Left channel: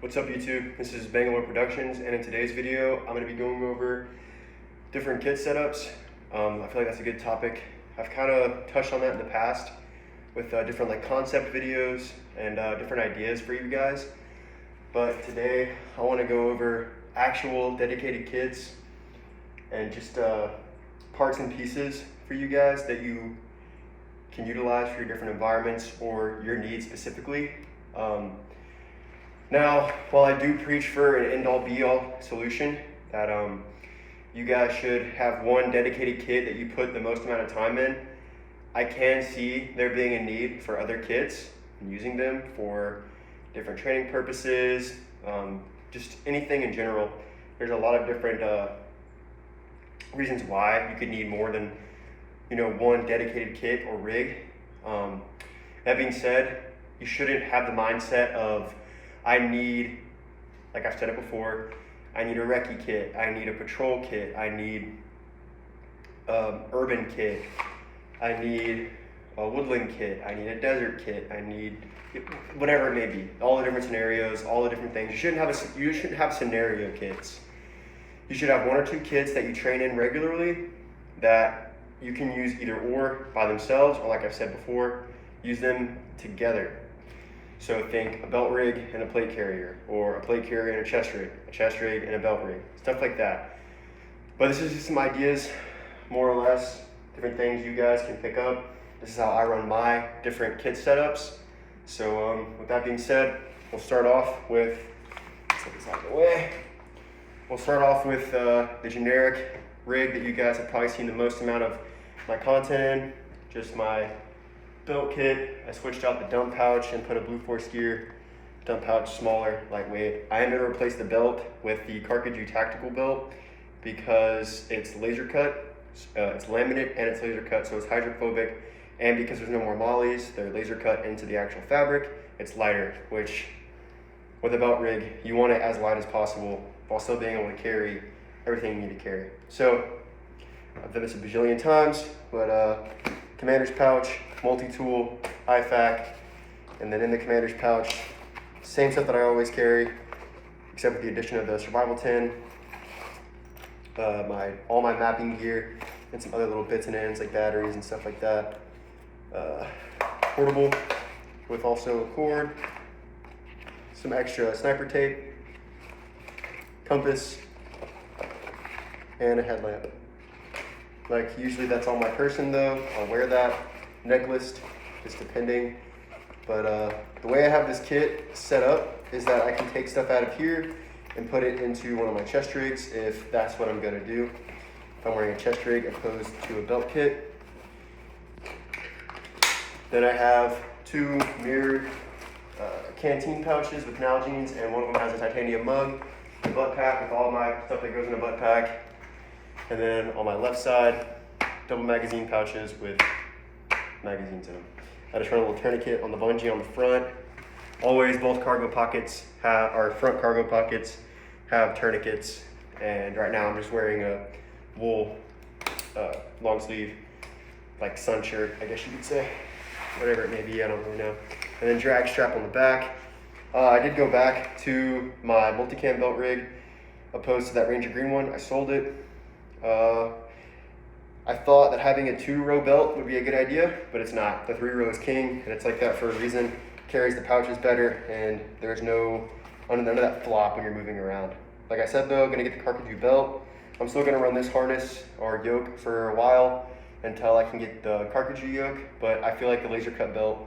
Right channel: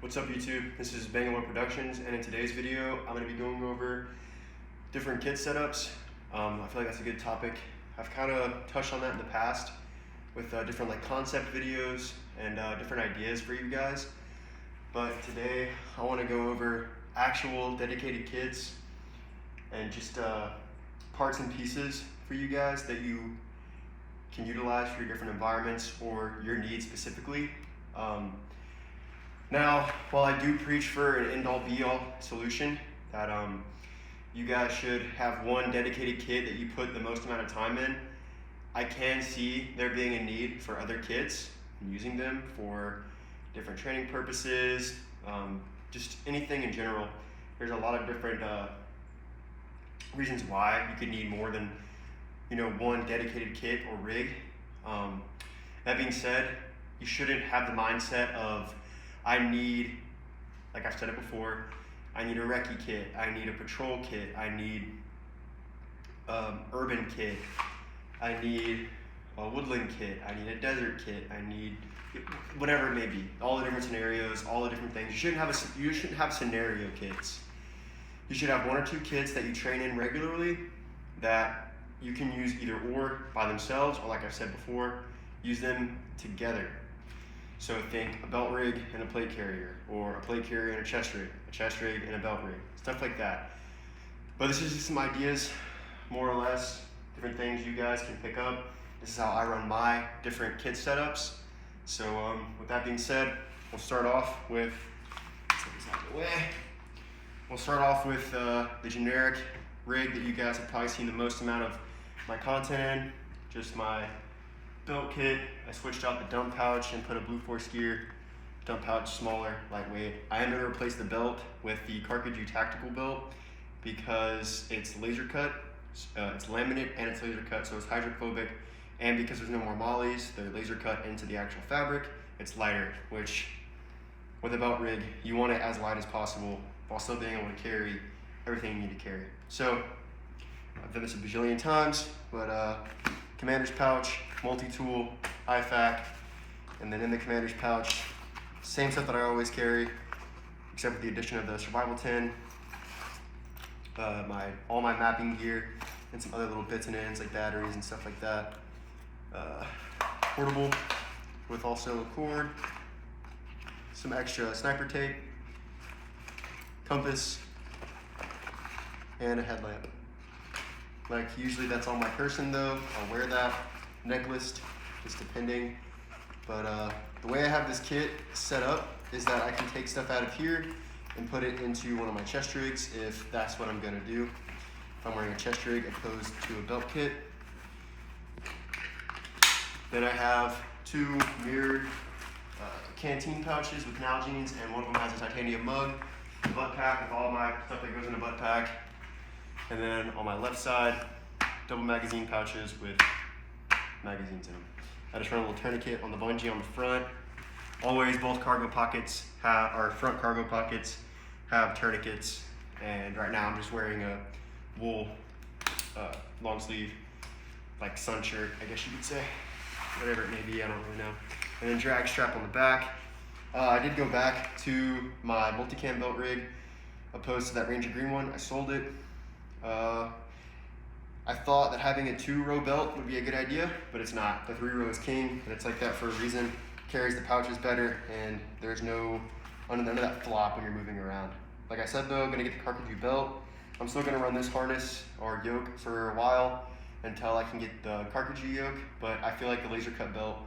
What's up YouTube? This is Bangalore Productions, and in today's video I'm going to be going over different kit setups. I feel like that's a good topic. I've kind of touched on that in the past with different concept videos and different ideas for you guys. But today I want to go over actual dedicated kits and just parts and pieces for you guys that you can utilize for your different environments or your needs specifically. Now, while I do preach for an end-all be-all solution that you guys should have one dedicated kit that you put the most amount of time in, I can see there being a need for other kits and using them for different training purposes, just anything in general. There's a lot of different reasons why you could need more than one dedicated kit or rig. That being said, you shouldn't have the mindset of I need, like I've said it before, I need a recce kit, I need a patrol kit, I need urban kit, I need a woodland kit, I need a desert kit, I need whatever it may be. All the different scenarios, all the different things. You shouldn't have scenario kits. You should have one or two kits that you train in regularly that you can use either or by themselves, or like I've said before, use them together. So think a belt rig and a plate carrier, or a plate carrier and a chest rig and a belt rig, stuff like that. But this is just some ideas, more or less, different things you guys can pick up. This is how I run my different kit setups. So with that being said, we'll start off with, let's get this out of the way. We'll start off with the generic rig that you guys have probably seen the most amount of my content in, just my belt kit. I switched out the dump pouch and put a Blue Force Gear dump pouch, smaller, lightweight. I am going to replace the belt with the Carcajou tactical belt because it's laser cut, it's laminate and it's laser cut, so it's hydrophobic, and because there's no more mollies, they're laser cut into the actual fabric. It's lighter, which with a belt rig, you want it as light as possible while still being able to carry everything you need to carry. So I've done this a bajillion times, but commander's pouch, multi-tool, IFAK, and then in the commander's pouch, same stuff that I always carry, except for the addition of the survival tin, all my mapping gear, and some other little bits and ends like batteries and stuff like that. Portable with also a cord, some extra sniper tape, compass, and a headlamp. Like usually that's on my person though. I'll wear that, necklace, just depending. But the way I have this kit set up is that I can take stuff out of here and put it into one of my chest rigs if that's what I'm gonna do. If I'm wearing a chest rig opposed to a belt kit. Then I have two mirrored canteen pouches with Nalgene's, and one of them has a titanium mug, a butt pack with all my stuff that goes in a butt pack. And then on my left side, double magazine pouches with magazines in them. I just run a little tourniquet on the bungee on the front. Always both cargo pockets our front cargo pockets have tourniquets. And right now I'm just wearing a wool long sleeve, like sun shirt, I guess you could say. Whatever it may be, I don't really know. And then drag strap on the back. I did go back to my multicam belt rig opposed to that Ranger Green one. I sold it. I thought that having a 2-row belt would be a good idea, but it's not. The 3-row is king, and it's like that for a reason. Carries the pouches better, and there's none of that flop when you're moving around. Like I said though, I'm gonna get the Carcajou belt. I'm still gonna run this harness or yoke for a while until I can get the Carcajou yoke, but I feel like the laser cut belt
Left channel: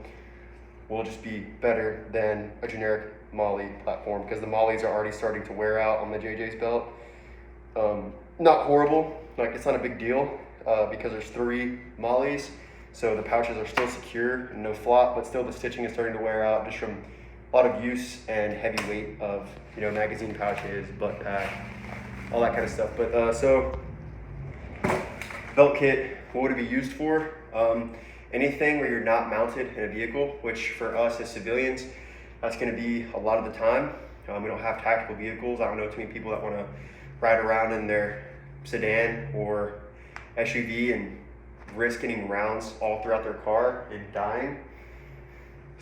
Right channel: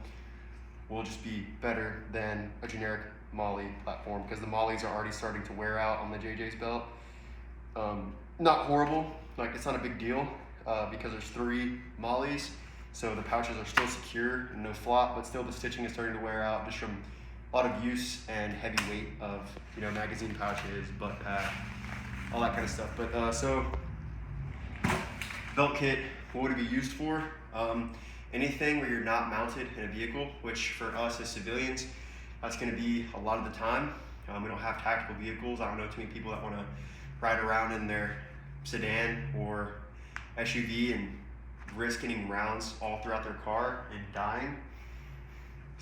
will just be better than a generic molly platform because the mollies are already starting to wear out on the JJ's belt. Not horrible, like it's not a big deal because there's 3 mollies, so the pouches are still secure and no flop, but still the stitching is starting to wear out just from a lot of use and heavy weight of magazine pouches, butt pack, all that kind of stuff. But so belt kit, what would it be used for? Anything where you're not mounted in a vehicle, which for us as civilians, that's going to be a lot of the time. We don't have tactical vehicles. I don't know too many people that want to ride around in their sedan or SUV and risk getting rounds all throughout their car and dying.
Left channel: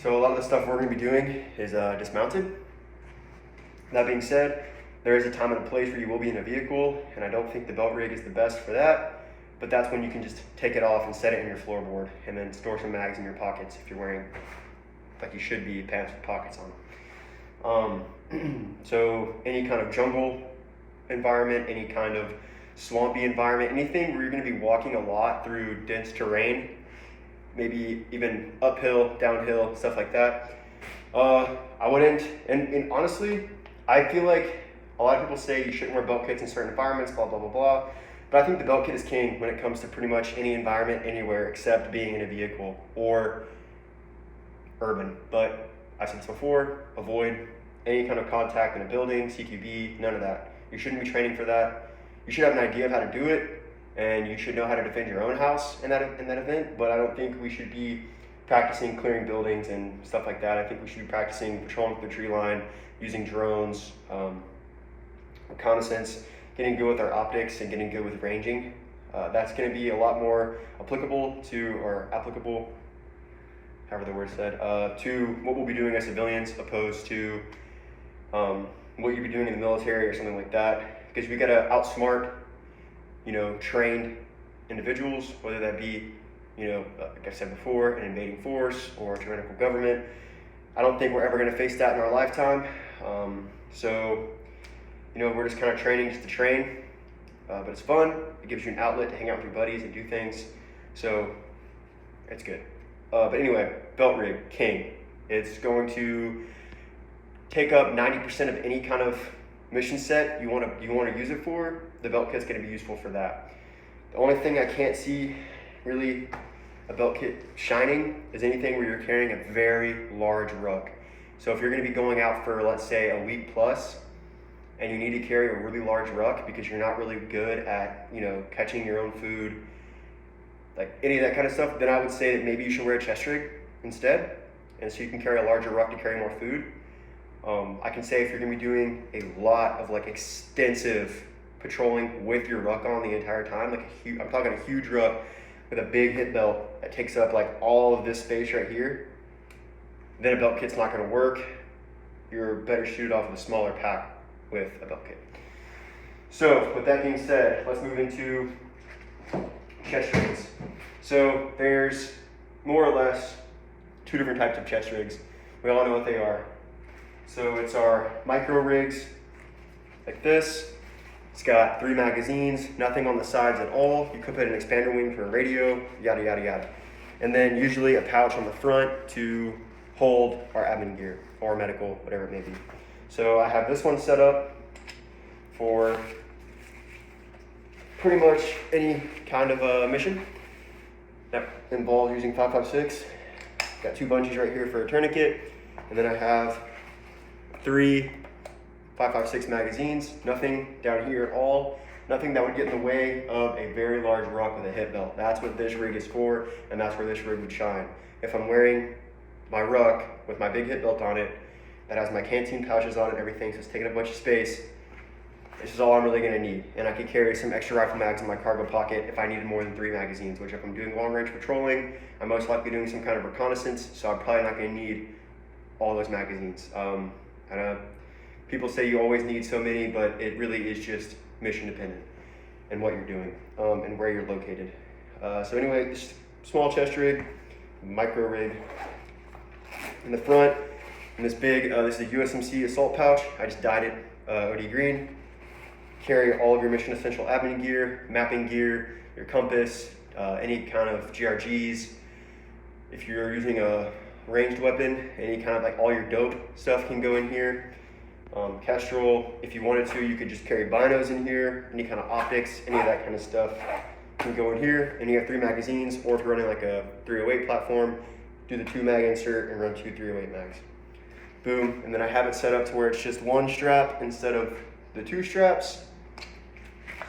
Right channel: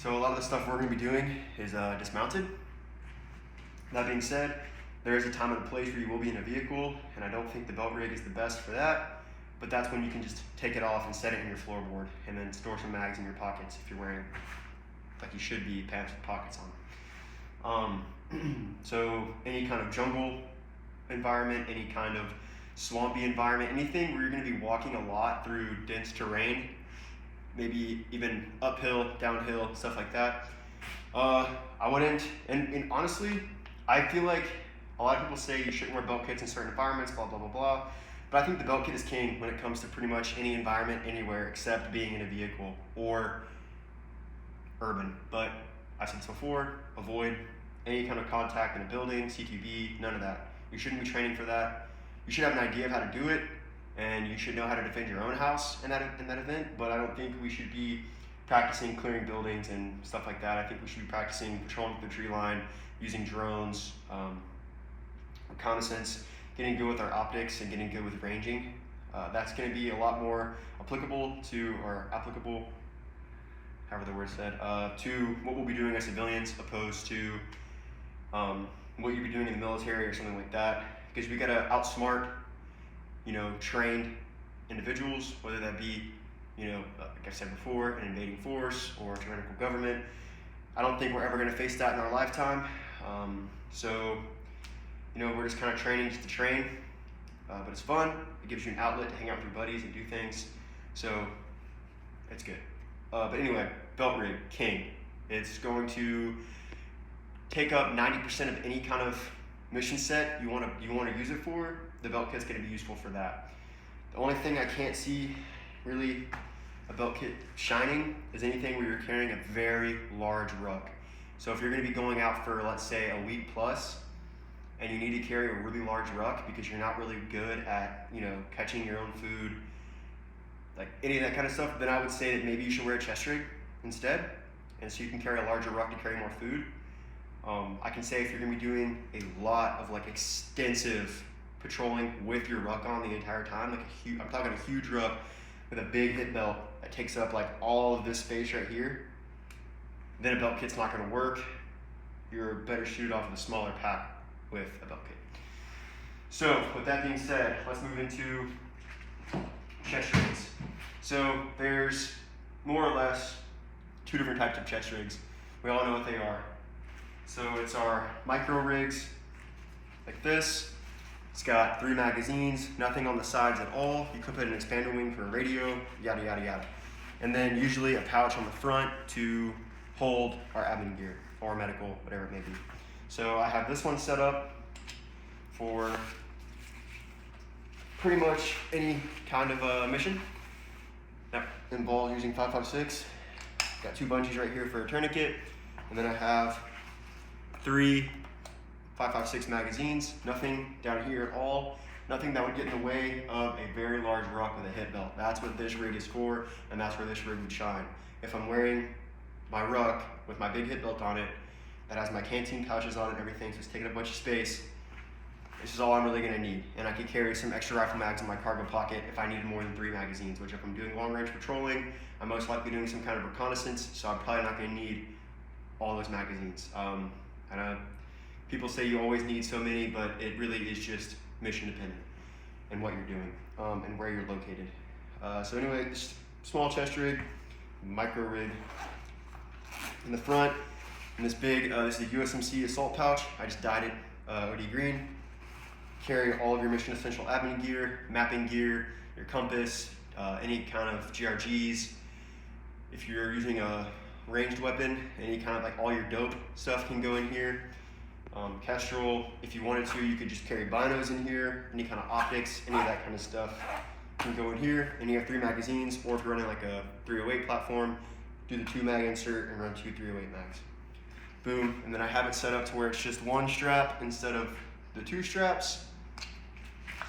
So a lot of the stuff we're going to be doing is dismounted. That being said, there is a time and a place where you will be in a vehicle, and I don't think the belt rig is the best for that, but that's when you can just take it off and set it in your floorboard, and then store some mags in your pockets if you're wearing, like you should be, pants with pockets on. So any kind of jungle environment, any kind of swampy environment, anything where you're going to be walking a lot through dense terrain, maybe even uphill, downhill, stuff like that, I wouldn't, and honestly, I feel like a lot of people say you shouldn't wear belt kits in certain environments, blah, blah, blah, blah, but I think the belt kit is king when it comes to pretty much any environment, anywhere, except being in a vehicle or urban. But I've said this before, avoid any kind of contact in a building, CQB, none of that. You shouldn't be training for that. You should have an idea of how to do it, and you should know how to defend your own house in that event, but I don't think we should be practicing clearing buildings and stuff like that. I think we should be practicing patrolling the tree line, using drones, reconnaissance, getting good with our optics and getting good with ranging. That's going to be a lot more applicable, however the word said, to what we'll be doing as civilians, opposed to what you'd be doing in the military or something like that. Because we got to outsmart, trained individuals, whether that be, like I said before, an invading force or a tyrannical government. I don't think we're ever going to face that in our lifetime. So, we're just kind of training just to train, but it's fun. It gives you an outlet to hang out with your buddies and do things. So, it's good. But anyway, belt rig, king. It's going to take up 90% of any kind of mission set you want to use it for. The belt kit's going to be useful for that. The only thing I can't see really a belt kit shining is anything where you're carrying a very large ruck. So if you're going to be going out for, let's say, a week plus, and you need to carry a really large ruck because you're not really good at, catching your own food, like any of that kind of stuff, then I would say that maybe you should wear a chest rig instead, and so you can carry a larger ruck to carry more food. I can say if you're going to be doing a lot of extensive patrolling with your ruck on the entire time, I'm talking a huge ruck with a big hip belt that takes up all of this space right here, then a belt kit's not going to work. You're better suited off with a smaller pack with a belt kit. So with that being said, let's move into chest rigs. So there's more or less two different types of chest rigs. We all know what they are. So it's our micro rigs, like this. It's got 3 magazines, nothing on the sides at all. You could put an expander wing for a radio, yada, yada, yada. And then usually a pouch on the front to hold our admin gear or medical, whatever it may be. So I have this one set up for pretty much any kind of mission that involves using 5.56. Got 2 bunches right here for a tourniquet, and then I have 3 5.56 magazines, nothing down here at all, nothing that would get in the way of a very large ruck with a hip belt. That's what this rig is for, and that's where this rig would shine. If I'm wearing my ruck with my big hip belt on it, that has my canteen pouches on it and everything, so it's taking a bunch of space, this is all I'm really going to need. And I could carry some extra rifle mags in my cargo pocket if I needed more than 3 magazines, which if I'm doing long range patrolling, I'm most likely doing some kind of reconnaissance, so I'm probably not going to need all those magazines. People say you always need so many, but it really is just mission dependent and what you're doing and where you're located. So anyway, this small chest rig, micro rig. In the front, in this big, this is a USMC assault pouch. I just dyed it OD green. Carry all of your mission essential admin gear, mapping gear, your compass, any kind of GRGs. If you're using a ranged weapon, any kind of all your dope stuff can go in here. Kestrel, if you wanted to, you could just carry binos in here, any kind of optics, any of that kind of stuff can go in here. And you have 3 magazines, or if you're running a 308 platform, do the 2 mag insert and run 2 308 mags. Boom, and then I have it set up to where it's just 1 strap instead of the 2 straps.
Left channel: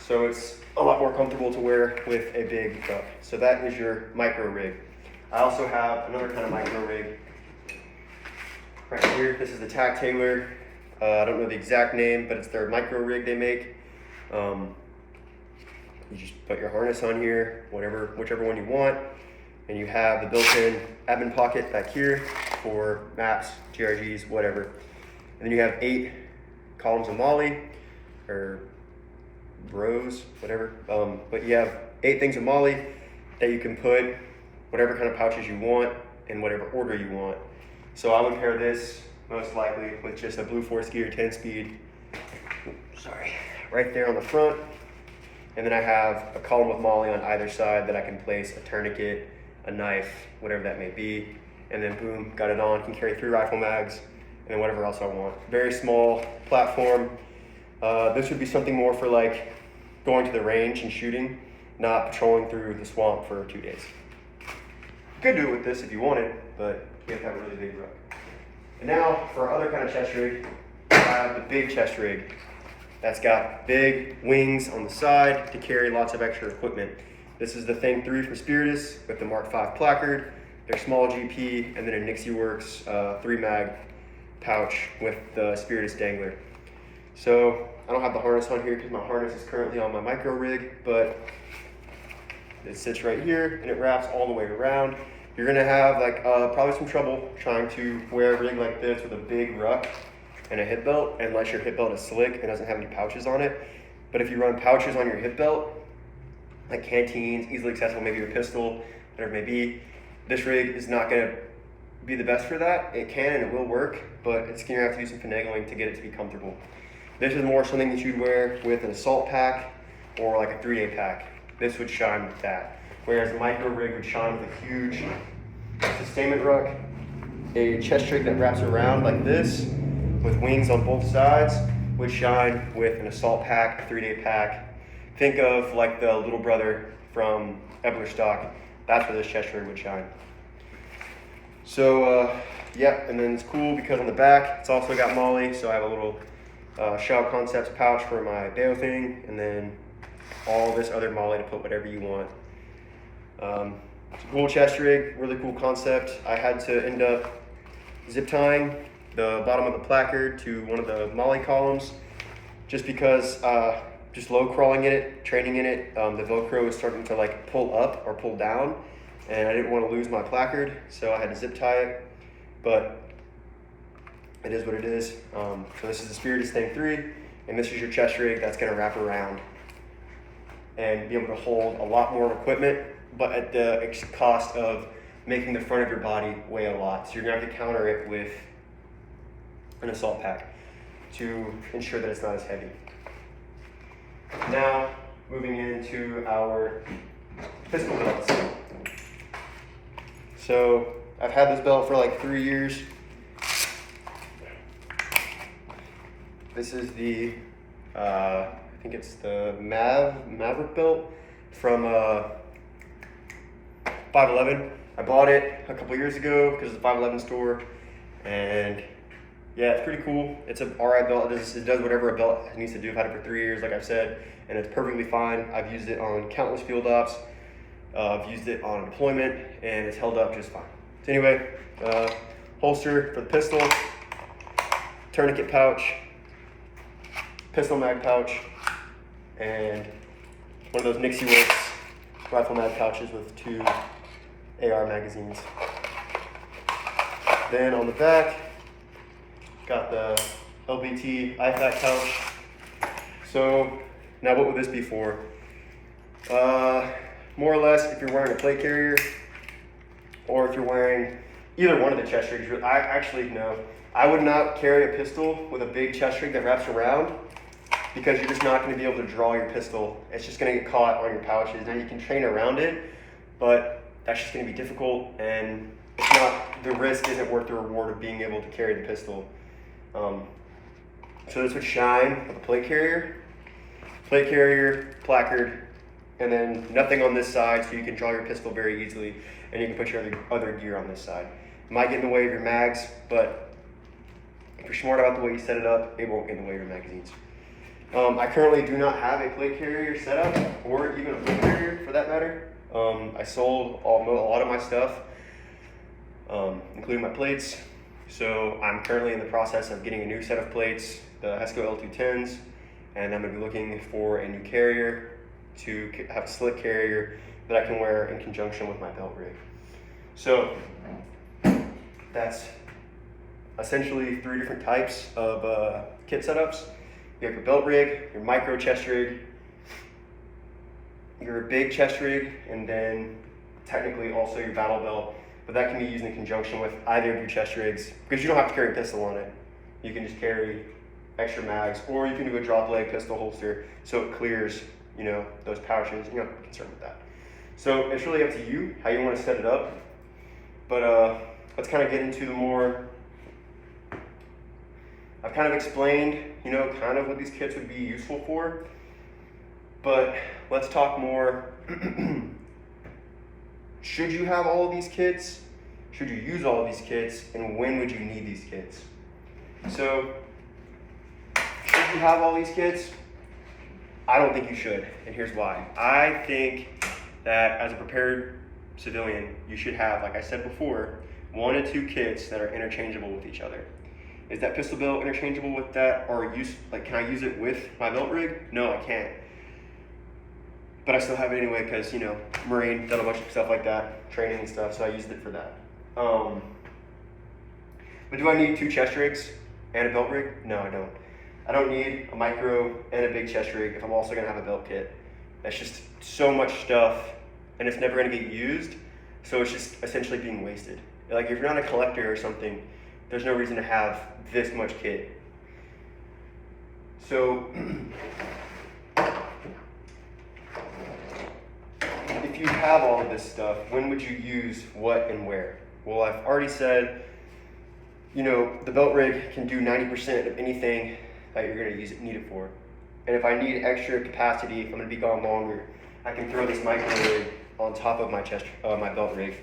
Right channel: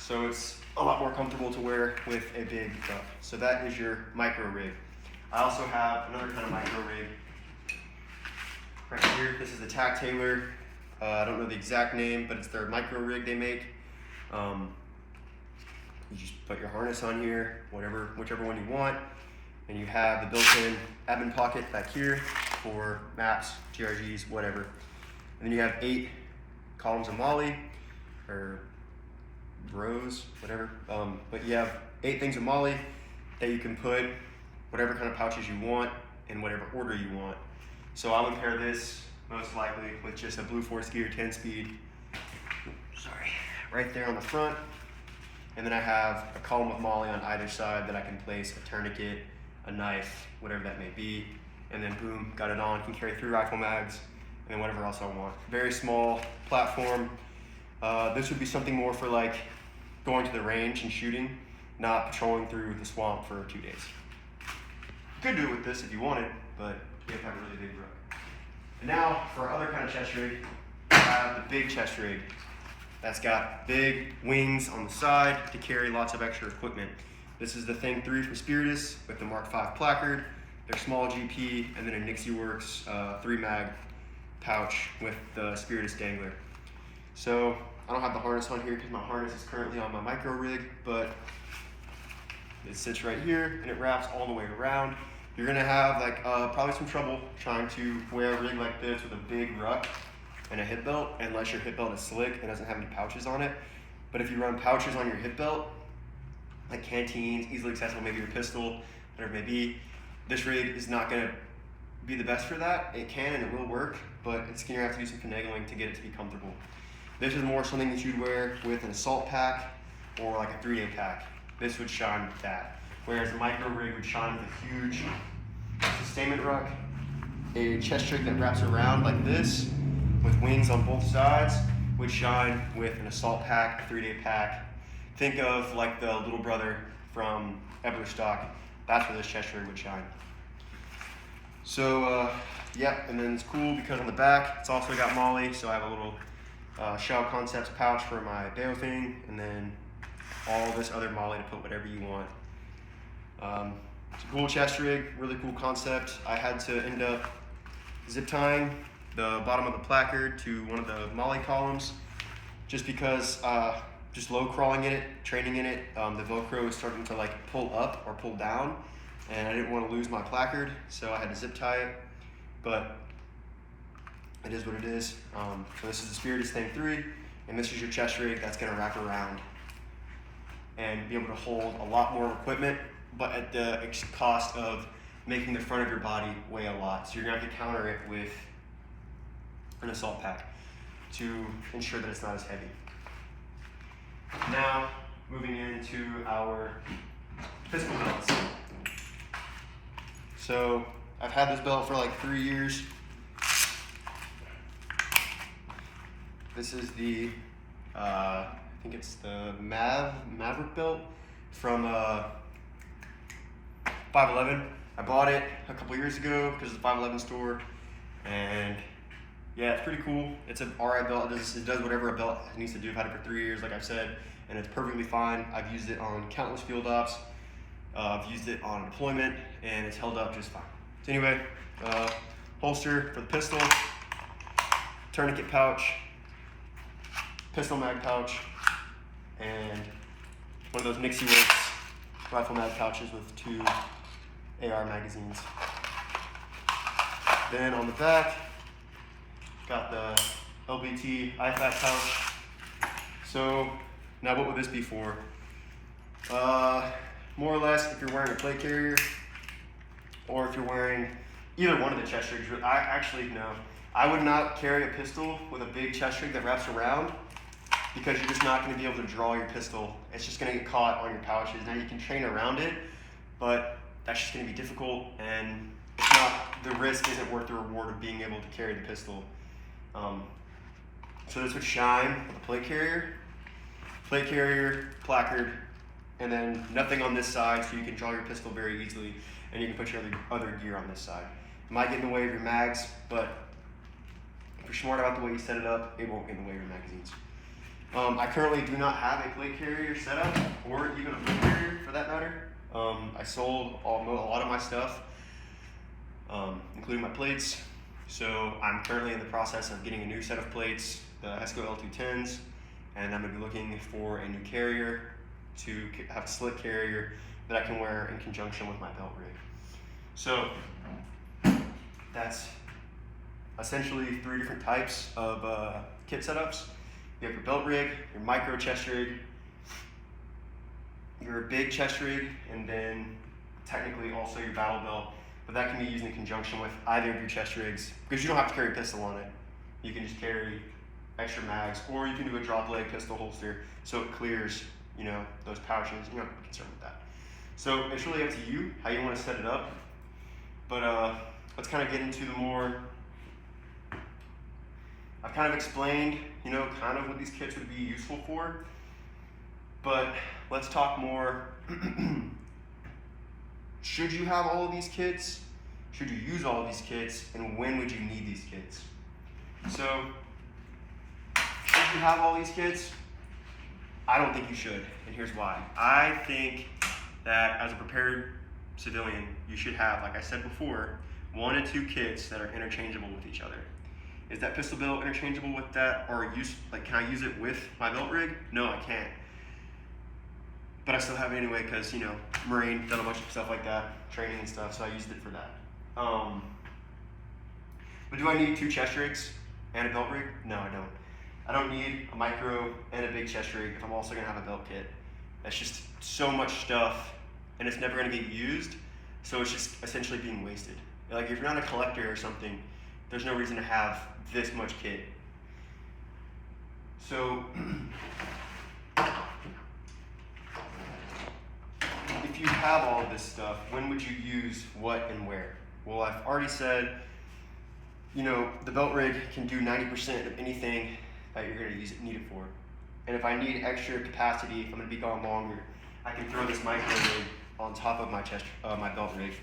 So it's a lot more comfortable to wear with a big truck. So that is your micro rig. I also have another kind of micro rig right here. This is the Tac Taylor. I don't know the exact name, but it's their micro rig they make. You just put your harness on here, whichever one you want, and you have the built-in admin pocket back here for maps, GRGs, whatever. And then you have 8 columns of MOLLE, or rows, whatever. But you have 8 things of MOLLE that you can put whatever kind of pouches you want in whatever order you want. So I would pair this most likely with just a Blue Force Gear 10-speed, right there on the front. And then I have a column of MOLLE on either side that I can place a tourniquet, a knife, whatever that may be. And then boom, got it on, can carry 3 rifle mags, and then whatever else I want. Very small platform. This would be something more for like going to the range and shooting, not patrolling through the swamp for 2 days. You could do it with this if you wanted, but you have to have a really big ruck. And now for our other kind of chest rig, I have the big chest rig. That's got big wings on the side to carry lots of extra equipment. This is the Thing 3 from Spiritus with the Mark V placard, their small GP, and then a Nixie Works 3-mag pouch with the Spiritus dangler. So I don't have the harness on here because my harness is currently on my micro rig, but it sits right here and it wraps all the way around. You're gonna have like probably some trouble trying to wear a rig like this with a big ruck and a hip belt, unless your hip belt is slick and doesn't have any pouches on it. But if you run pouches on your hip belt, like canteens, easily accessible, maybe your pistol, whatever it may be, this rig is not gonna be the best for that. It can and it will work, but it's gonna have to do some finagling to get it to be comfortable. This is more something that you'd wear with an assault pack or like a 3-day pack. This would shine with that. Whereas the micro rig would shine with a huge sustainment ruck, a chest rig that wraps around like this with wings on both sides would shine with an assault pack, a 3-day pack. Think of like the little brother from Ebler stock. That's where this chest rig would shine. So yeah, and then it's cool because on the back it's also got MOLLE, so I have a little Shao Concepts pouch for my Bayo thing, and then all this other MOLLE to put whatever you want. It's a cool chest rig, really cool concept. I had to end up zip tying the bottom of the placard to one of the MOLLE columns just because just low crawling in it, training in it, the Velcro was starting to like pull up or pull down, and I didn't want to lose my placard, so I had to zip tie it. But it is what it is. So this is the Spiritus Thing 3, and this is your chest rig that's going to wrap around and be able to hold a lot more equipment, but at the cost of making the front of your body weigh a lot. So you're going to have to counter it with an assault pack to ensure that it's not as heavy. Now, moving into our pistol belts. So I've had this belt for like 3 years. This is the, I think it's the Maverick belt from 511. I bought it a couple years ago because of the 511 store, and yeah, it's pretty cool. It's an RI belt. It does whatever a belt needs to do. I've had it for 3 years, like I've said, and it's perfectly fine. I've used it on countless field ops. I've used it on deployment, and it's held up just fine. So anyway, holster for the pistol, tourniquet pouch, pistol mag pouch, and one of those Nixie Works rifle mag pouches with 2 AR magazines. Then on the back, got the LBT IFAK pouch. So now what would this be for? More or less, if you're wearing a plate carrier, or if you're wearing either one of the chest rigs. I would not carry a pistol with a big chest rig that wraps around, because you're just not going to be able to draw your pistol. It's just going to get caught on your pouches. Now you can train around it, but that's just going to be difficult, and it's not, the risk isn't worth the reward of being able to carry the pistol. So this would shine with a plate carrier, placard, and then nothing on this side, so you can draw your pistol very easily, and you can put your other gear on this side. It might get in the way of your mags, but if you're smart about the way you set it up, it won't get in the way of your magazines. I currently do not have a plate carrier set up, or even a plate carrier for that matter. I sold a lot of my stuff, including my plates. So I'm currently in the process of getting a new set of plates, the Hesco L210s, and I'm going to be looking for a new carrier to have a slick carrier that I can wear in conjunction with my belt rig. So that's essentially 3 different types of kit setups. You have your belt rig, your micro chest rig, your big chest rig, and then technically also your battle belt, but that can be used in conjunction with either of your chest rigs because you don't have to carry a pistol on it. You can just carry extra mags, or you can do a drop leg pistol holster so it clears, you know, those pouches. You're not concerned with that. So it's really up to you how you want to set it up. But let's kind of get into the more. I've kind of explained, you know, kind of what these kits would be useful for. But let's talk more. Should you have all of these kits? Should you use all of these kits? And when would you need these kits? So, should you have all these kits? I don't think you should, and here's why. I think that as a prepared civilian, you should have, like I said before, 1 to 2 kits that are interchangeable with each other. Is that pistol belt interchangeable with that, or can I use it with my belt rig? No, I can't. But I still have it anyway because, you know, Marine, done a bunch of stuff like that, training and stuff, so I used it for that. But do I need 2 chest rigs and a belt rig? No, I don't. I don't need a micro and a big chest rig if I'm also gonna have a belt kit. That's just so much stuff, and it's never gonna get used, so it's just essentially being wasted. Like if you're not a collector or something, there's no reason to have this much kit. So, if you have all of this stuff, when would you use what and where? Well, I've already said, you know, the belt rig can do 90% of anything that you're going to need it for. And if I need extra capacity, if I'm going to be gone longer, I can throw this micro rig on top of my my belt rig.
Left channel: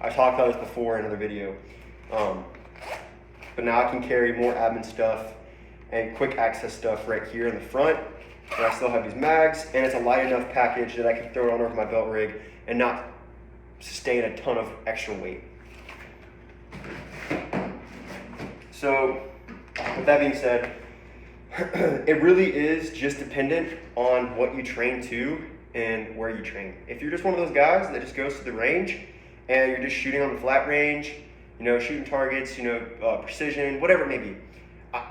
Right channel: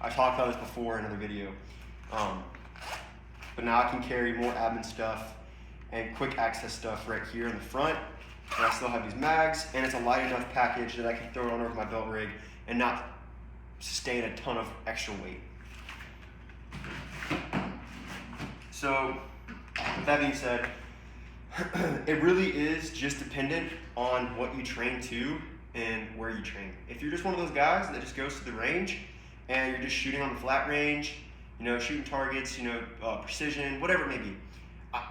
I talked about this before in another video. But now I can carry more admin stuff and quick access stuff right here in the front. And I still have these mags, and it's a light enough package that I can throw it on over my belt rig and not sustain a ton of extra weight. So, with that being said, it really is just dependent on what you train to and where you train. If you're just one of those guys that just goes to the range and you're just shooting on the flat range, you know, shooting targets, you know, precision, whatever it may be,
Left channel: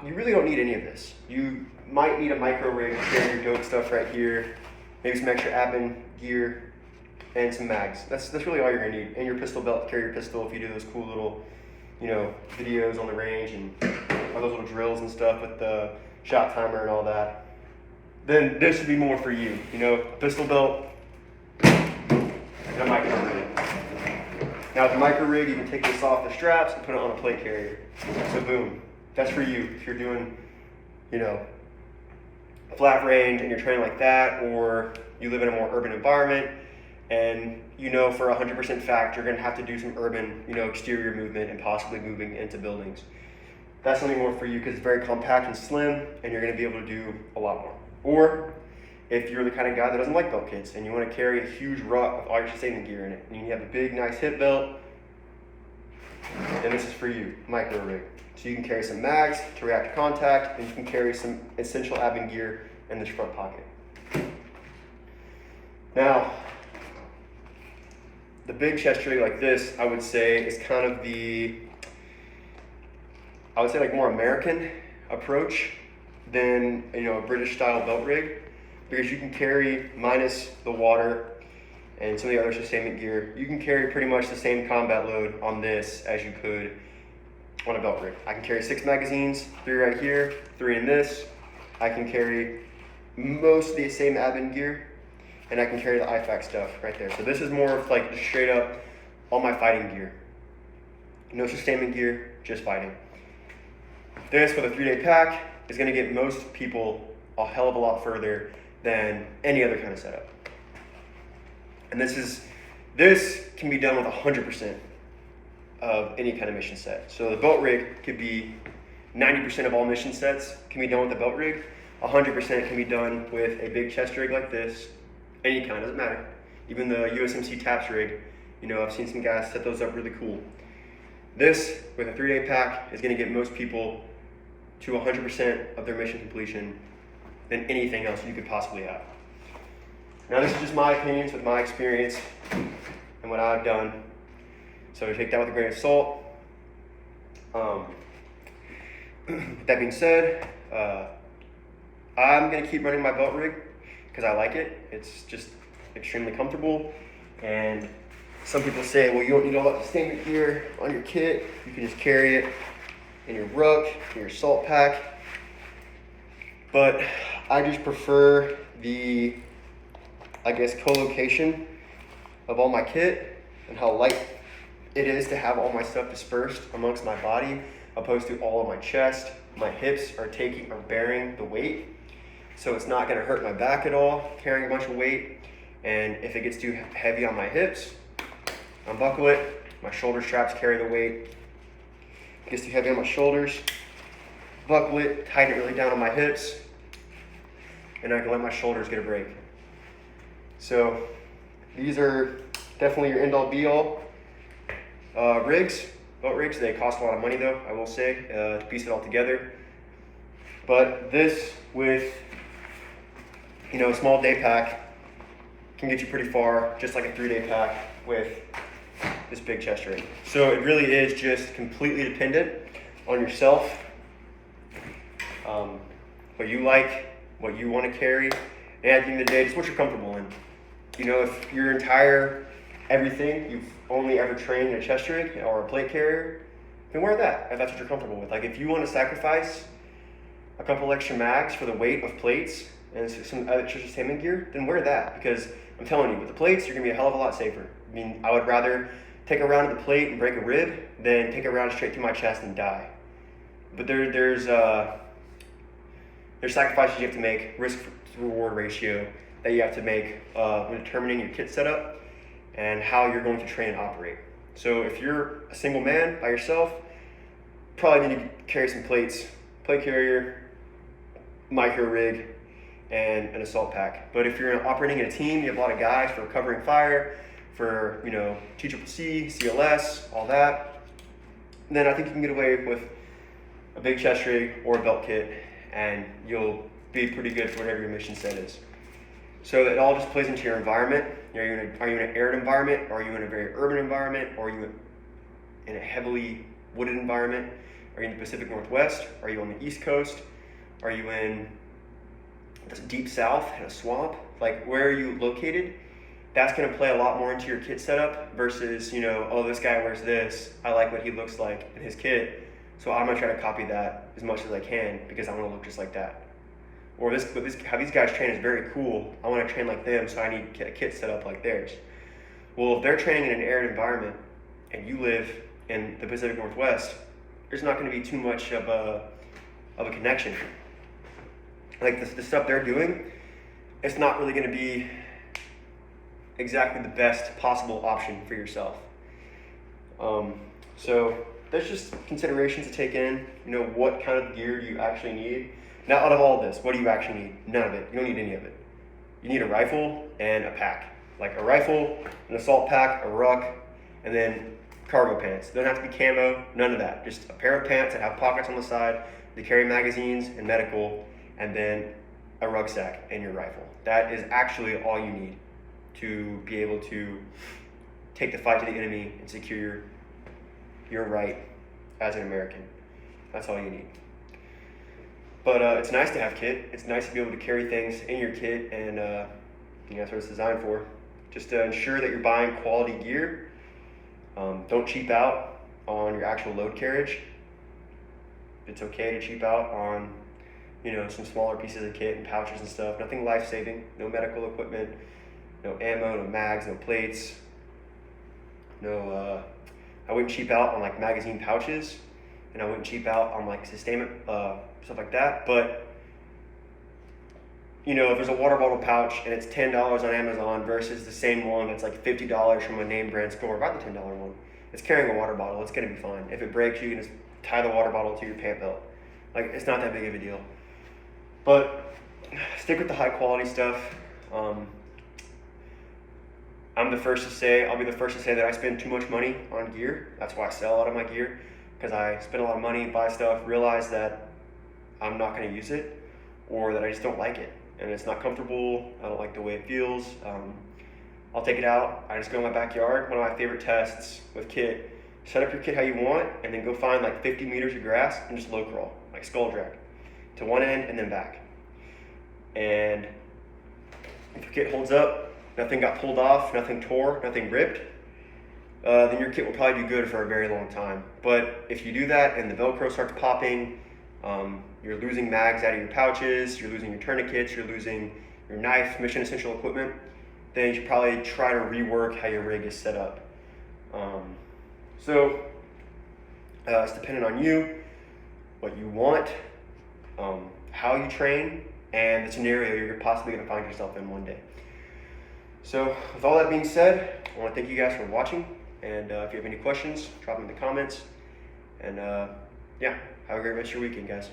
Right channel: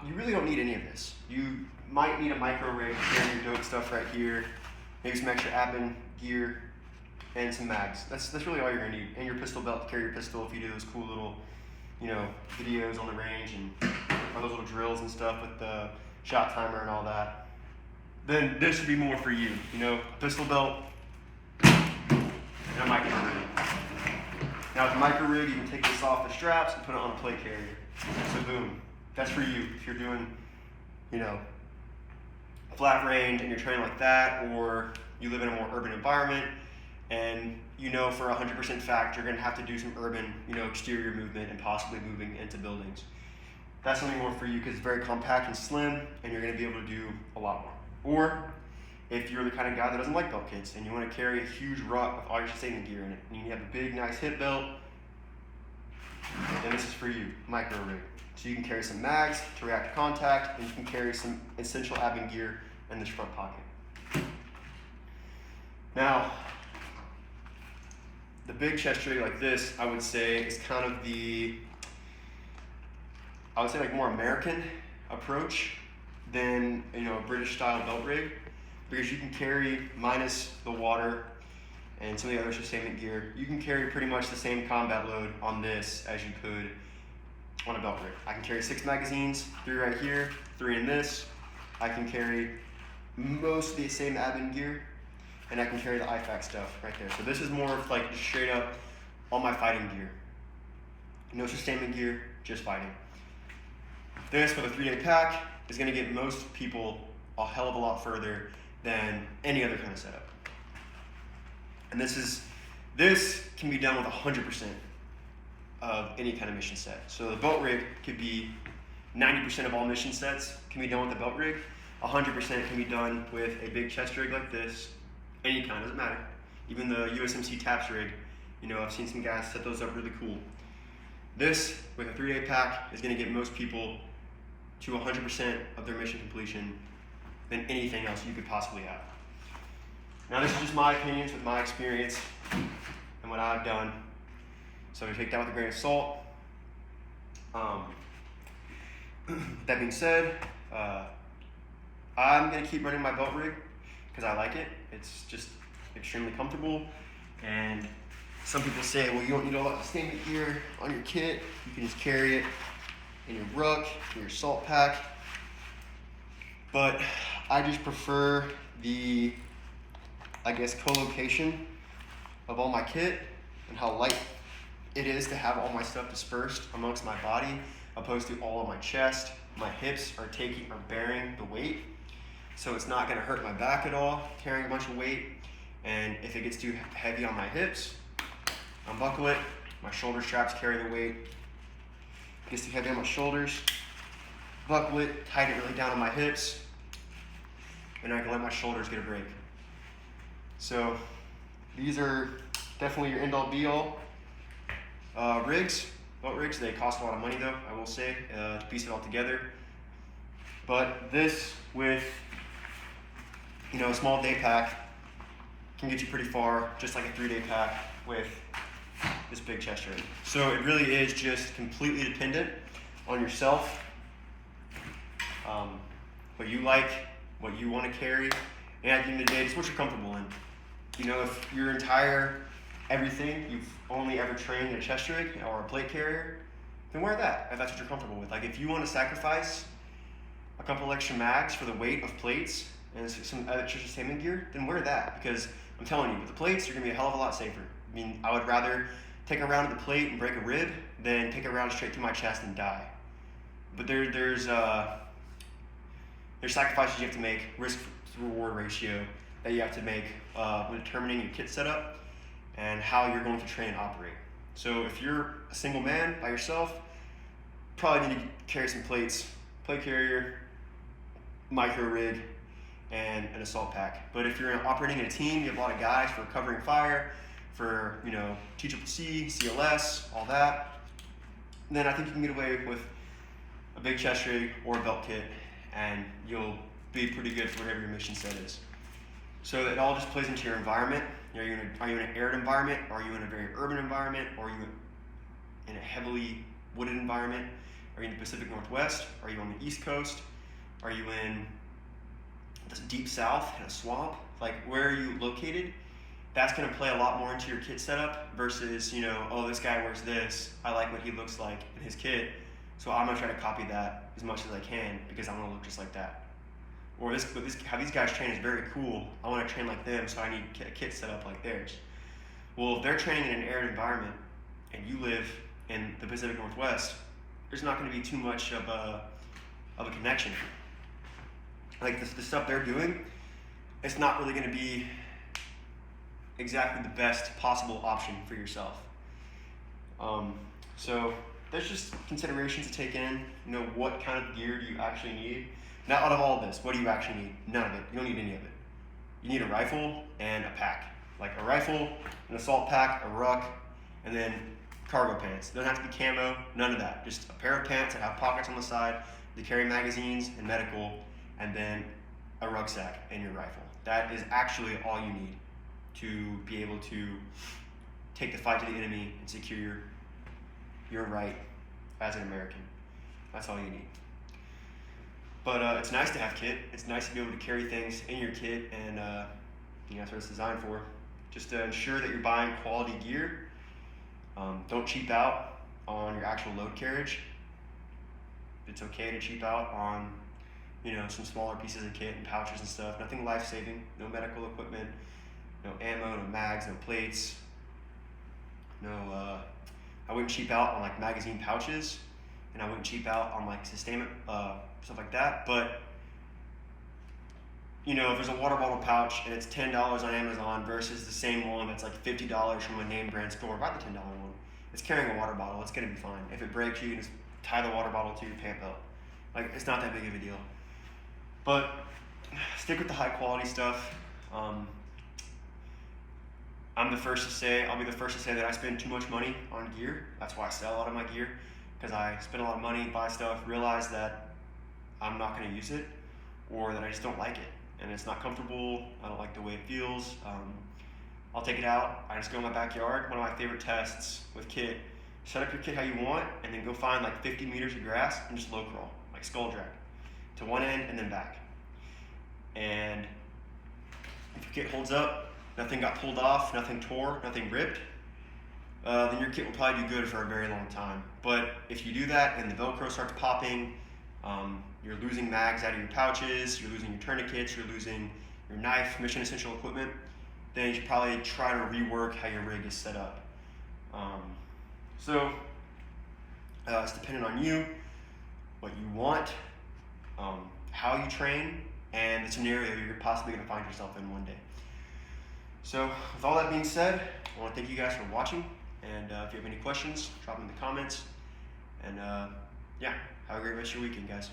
you really don't need any of this. You might need a micro rig to carry your dope stuff right here, maybe some extra admin gear, and some mags. That's really all you're gonna need. And your pistol belt to carry your pistol if you do those cool little, you know, videos on the range and all those little drills and stuff with the shot timer and all that. Then this should be more for you. You know, a pistol belt and a micro rig. Now with the micro rig, you can take this off the straps and put it on a plate carrier. So boom, that's for you if you're doing, you know, flat range and you're training like that, or you live in a more urban environment and you know for 100% fact you're going to have to do some urban, you know, exterior movement and possibly moving into buildings. That's something more for you because it's very compact and slim and you're going to be able to do a lot more. Or if you're the kind of guy that doesn't like belt kits and you want to carry a huge ruck with all your sustainment gear in it, and you have a big nice hip belt, then this is for you, micro rig. So you can carry some mags to react to contact, and you can carry some essential admin gear in this front pocket. Now, the big chest rig like this, I would say, is kind of the, I would say like more American approach than, you know, a British style belt rig, because you can carry, minus the water and some of the other sustainment gear, you can carry pretty much the same combat load on this as you could on a belt rig. I can carry 6 magazines, 3 right here, 3 in this. I can carry most of the same admin gear, and I can carry the IFAC stuff right there. So this is more of like just straight up all my fighting gear. No sustainment gear, just fighting. This with a 3-day pack is going to get most people a hell of a lot further than any other kind of setup. And this can be done with 100% of any kind of mission set. So the belt rig could be 90% of all mission sets can be done with the belt rig. 100% can be done with a big chest rig like this. Any kind, doesn't matter. Even the USMC TAPS rig, you know, I've seen some guys set those up really cool. This, with a 3-day pack, is going to get most people to 100% of their mission completion than anything else you could possibly have. Now this is just my opinions with my experience and what I've done. So take that with a grain of salt. With that being said, I'm gonna keep running my belt rig because I like it. It's just extremely comfortable. And some people say, well, you don't need all that sustainment gear on your kit. You can just carry it in your ruck, in your salt pack. But I just prefer the, I guess, co-location of all my kit and how light it is to have all my stuff dispersed amongst my body, opposed to all of my chest. My hips are bearing the weight, so it's not going to hurt my back at all carrying a bunch of weight. And if it gets too heavy on my hips, unbuckle it. My shoulder straps carry the weight. If it gets too heavy on my shoulders, buckle it, tighten it really down on my hips, and I can let my shoulders get a break. So these are definitely your end-all be-all rigs, boat rigs. They cost a lot of money though, I will say, to piece it all together. But this with, a small day pack can get you pretty far, just like a 3-day pack with this big chest rig. So it really is just completely dependent on yourself, what you like, what you want to carry, and at the end of the day, it's what you're comfortable in. If your entire everything, you've only ever trained in a chest rig or a plate carrier, then wear that if that's what you're comfortable with. Like if you want to sacrifice a couple extra mags for the weight of plates and some extra sustainment gear, then wear that, because I'm telling you, with the plates, you're gonna be a hell of a lot safer. I mean, I would rather take a round at the plate and break a rib than take a round straight through my chest and die. But there's sacrifices you have to make, risk-reward ratio that you have to make when determining your kit setup and how you're going to train and operate. So if you're a single man by yourself, probably need to carry some plates, plate carrier, micro rig, and an assault pack. But if you're operating in a team, you have a lot of guys for covering fire, for TCCC, CLS, all that, then I think you can get away with a big chest rig or a belt kit, and you'll be pretty good for whatever your mission set is. So it all just plays into your environment. Are you in an arid environment? Are you in a very urban environment? Are you in a heavily wooded environment? Are you in the Pacific Northwest? Are you on the East Coast? Are you in the deep South in a swamp? Like, where are you located? That's going to play a lot more into your kit setup versus, oh, this guy wears this. I like what he looks like in his kit, so I'm going to try to copy that as much as I can because I want to look just like that. Or how these guys train is very cool. I want to train like them, so I need a kit set up like theirs. Well, if they're training in an arid environment and you live in the Pacific Northwest, there's not going to be too much of a connection. Like the stuff they're doing, it's not really going to be exactly the best possible option for yourself. So there's just considerations to take in. What kind of gear do you actually need? Now, out of all of this, what do you actually need? None of it. You don't need any of it. You need a rifle and a pack. Like a rifle, an assault pack, a ruck, and then cargo pants. They don't have to be camo, none of that. Just a pair of pants that have pockets on the side to carry magazines and medical, and then a rucksack and your rifle. That is actually all you need to be able to take the fight to the enemy and secure your right as an American. That's all you need. But it's nice to have kit. It's nice to be able to carry things in your kit, and that's what it's designed for. Just to ensure that you're buying quality gear. Don't cheap out on your actual load carriage. It's okay to cheap out on, some smaller pieces of kit and pouches and stuff. Nothing life-saving. No medical equipment. No ammo. No mags. No plates. I wouldn't cheap out on like magazine pouches, and I wouldn't cheap out on like sustainment stuff like that. But if there's a water bottle pouch and it's $10 on Amazon versus the same one that's like $50 from a name brand store, buy the $10 one. It's carrying a water bottle. It's gonna be fine. If it breaks, you can just tie the water bottle to your pant belt. Like, it's not that big of a deal. But stick with the high quality stuff. I'll be the first to say that I spend too much money on gear. That's why I sell a lot of my gear, because I spend a lot of money, buy stuff, realize that I'm not going to use it, or that I just don't like it, and it's not comfortable. I don't like the way it feels. I'll take it out. I just go in my backyard. One of my favorite tests with kit: set up your kit how you want, and then go find like 50 meters of grass and just low crawl. Like a skull drag, to one end and then back. And if your kit holds up, nothing got pulled off, nothing tore, nothing ripped, then your kit will probably do good for a very long time. But if you do that and the Velcro starts popping, you're losing mags out of your pouches, you're losing your tourniquets, you're losing your knife, mission essential equipment, then you should probably try to rework how your rig is set up. It's dependent on you, what you want, how you train, and the scenario you're possibly going to find yourself in one day. So with all that being said, I want to thank you guys for watching, and if you have any questions, drop them in the comments, and yeah, have a great rest of your weekend, guys.